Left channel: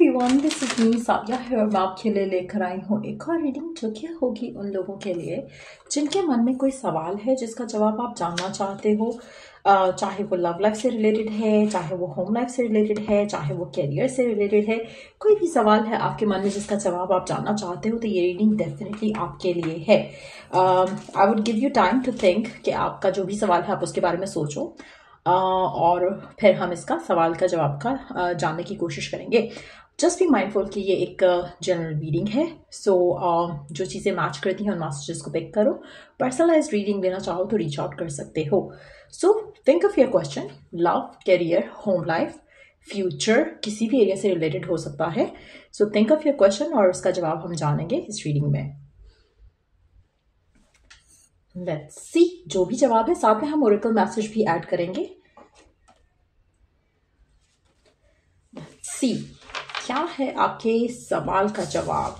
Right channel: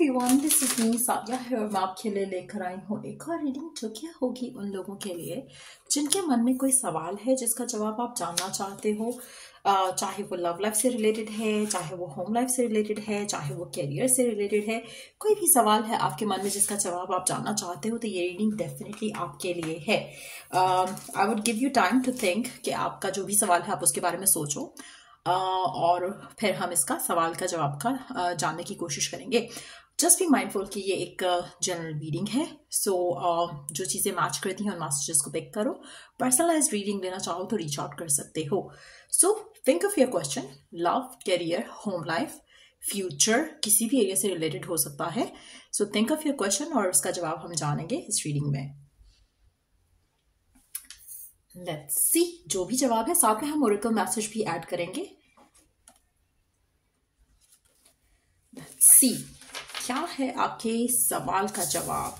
Everyone, this is me Sadia है। मैं आपके लिए लेकर आई हूँ एक और रीडिंग जो कि होगी उन लोगों के लिए जिनके मन में कोई सवाल है जिसका जवाब आप जानना चाहते हो। चाहे वो लव लाइफ से रिलेटेड है, चाहे वो होम लाइफ से रिलेटेड है, चाहे वो कैरियर से रिलेटेड है, कोई भी सवाल है आपके मन में जिसका जवाब आप जानना चाहते हो तो ये रीडिंग डेफिनेटली आपके लिए है। I would give you time to think कि आपका जो भी सवाल है आप उसके बारे में सोचो और फिर हम इसका सवाल का जवाब का जानने की कोशिश करेंगे। जस्ट बी माइंडफुल कि ये एक जनरल रीडिंग है, सो जो चीज़ें मैच करती हैं उन मैसेजेस को पिक करो। पर्सनलाइज रीडिंग लेना चाहो तो रीच आउट कर सकते हो। So think of your question, love, career, home life, future, किसी भी एरिया से रिलेटेड हो सकता है। So think of your question और उसका जवाब हम जानेंगे इस रीडिंग में। लेट्स सी, जो भी जवाब है साथ में हम ओरेकल मैसेज भी ऐड करेंगे। लेट्स सी, क्या है आपके सवाल का जवाब।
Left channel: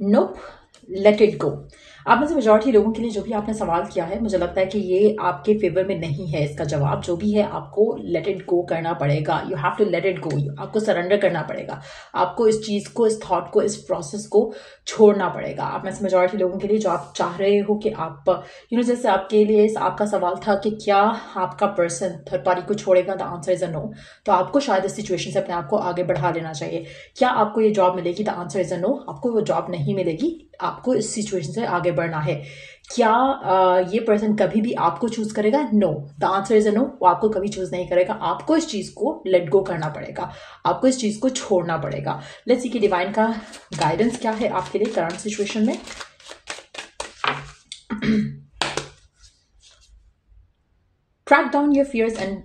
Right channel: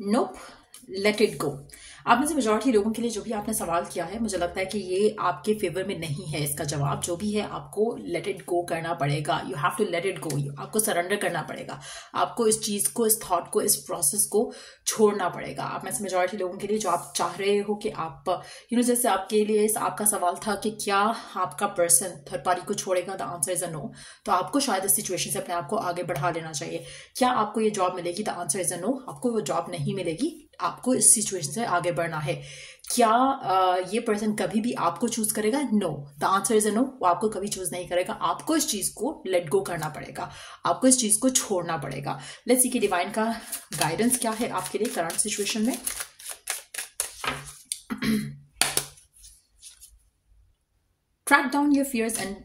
नोप, लेट इट गो। आप में से मेजॉरिटी लोगों के लिए जो भी आपने सवाल किया है, मुझे लगता है कि ये आपके फेवर में नहीं है। इसका जवाब जो भी है आपको लेट इट गो करना पड़ेगा। You have to let it go. आपको सरेंडर करना पड़ेगा। आपको इस चीज़ को, इस थॉट को, इस प्रोसेस को छोड़ना पड़ेगा। आप में से मेजॉरिटी लोगों के लिए जो आप चाह रहे हो कि आप जैसे आपके लिए आपका सवाल था कि क्या आपका पर्सन थर्ड पार्टी को छोड़ेगा, the answer is a no. तो आपको शायद इस सिचुएशन से अपने आप को आगे बढ़ा लेना चाहिए। क्या आपको ये जॉब मिलेगी? The answer is a no. आपको वो जॉब नहीं मिलेगी, आपको इस सिचुएशन से आगे बढ़ना है। क्या ये पर्सन कभी भी आपको चूज करेगा? No. The answer is a no. वो आपको कभी चूज नहीं करेगा। आपको इस चीज को लेट गो करना पड़ेगा, आपको इस चीज को छोड़ना पड़ेगा। लेट्स सी कि डिवाइन का गाइडेंस क्या है आपके लिए करंट सिचुएशन में। Track down your fears and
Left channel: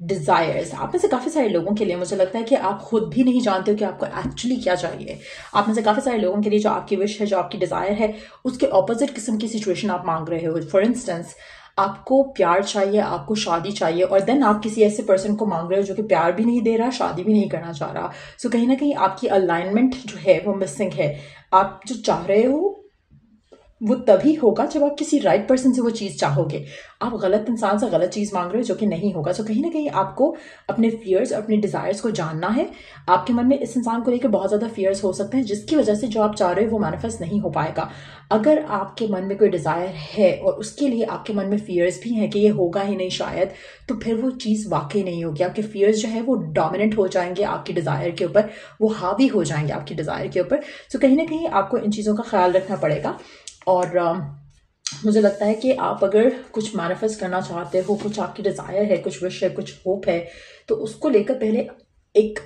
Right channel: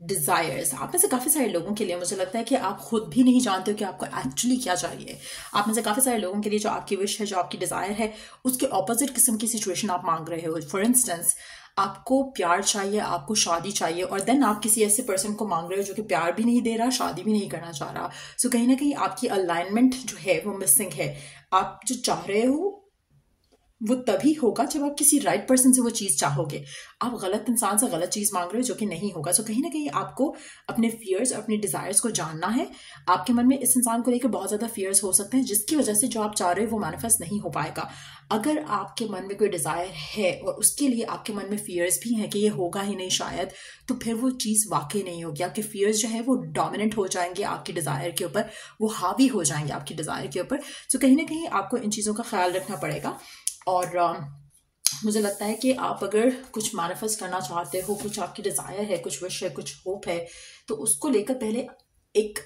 desires. आप में से काफी सारे लोगों के लिए मुझे लगता है कि आप खुद भी नहीं जानते हो कि आपको एक्चुअली क्या चाहिए। आप में से काफी सारे लोगों के लिए जो आपकी विश है, जो आपकी डिजायर है, उसके ऑपोजिट किस्म की सिचुएशन आप मांग रहे हो। फॉर इंस्टेंस, आपको प्यार चाहिए, आपको शादी चाहिए, और देन आप किसी ऐसे पर्सन को मांग रहे हो जो कि प्यार भी नहीं दे रहा, शादी भी नहीं करना चाह रहा। सो कहीं ना कहीं आपकी अलाइनमेंट जो है वो मिसिंग है। आप जो चाह रहे हो वो तभी होगा जब आप किसी राइट पर्सन से वो चीज़ चाहोगे। आप गलत इंसान से गलत चीज़ मांग रहे हो जो कि नहीं होगा। सो कहीं ना कहीं आपको अपने फियर्स, अपने डिज़ायर्स को जानना है। आपके मन में इस इंसान को लेकर बहुत ज़्यादा फियर्स हो सकते हैं जिसकी वजह से जो आप चाह रहे हो वो मैनिफेस्ट नहीं हो पाएगा। अगर आपके मन में कोई डिज़ायर है और उसके लिए आपके मन में फियर्स भी हैं कि ये होगा ही नहीं शायद, तो फिर वो चीज़ वाकई नहीं होगी। आपके फियर्स जो है वो डोमिनेंट हो जाएंगे आपकी डिज़ायर के ऊपर, वो हावी हो जाएंगे आपकी डिज़ायर के ऊपर। सो कहीं ना कहीं आपको इन चीज़ों का ख्याल रखना पड़ेगा। और मुझे लगता है कि आप अगर कुछ मैनिफेस्ट करना चाहते हो, कुछ आपकी डिज़ायर है, कुछ विश है, कुछ होप है, तो उसको लेकर पहले एक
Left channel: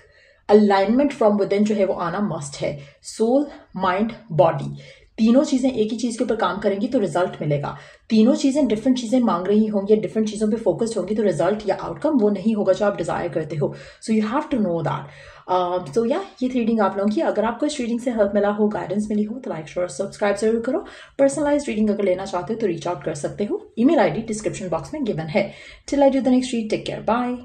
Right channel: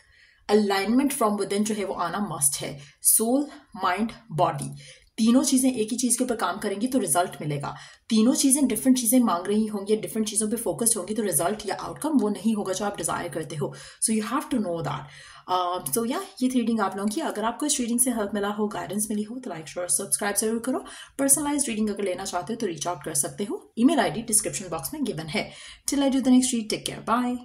अलाइनमेंट फ्रॉम विदिन जो है वो आना मस्ट है। सोल, माइंड, बॉडी, तीनों चीज़ें एक ही चीज़ के ऊपर काम करेंगी तो रिजल्ट मिलेगा। तीनों चीज़ें डिफरेंट चीज़ें मांग रही होंगी, डिफरेंट चीज़ों पे फोकस्ड होंगी, तो रिजल्ट या आउटकम वो नहीं होगा जो आप डिज़ायर करते हो। So you have to know that. So या ये रीडिंग आप लोगों की, अगर आपको इस रीडिंग से हेल्प मिला हो, गाइडेंस मिली हो, तो लाइक, शेयर और सब्सक्राइब जरूर करो। पर्सनलाइज रीडिंग अगर लेना चाहते हो तो रीच आउट कर सकते हो। ईमेल आईडी डिस्क्रिप्शन बॉक्स में गिवन है। Till I do the next read, take care, bye.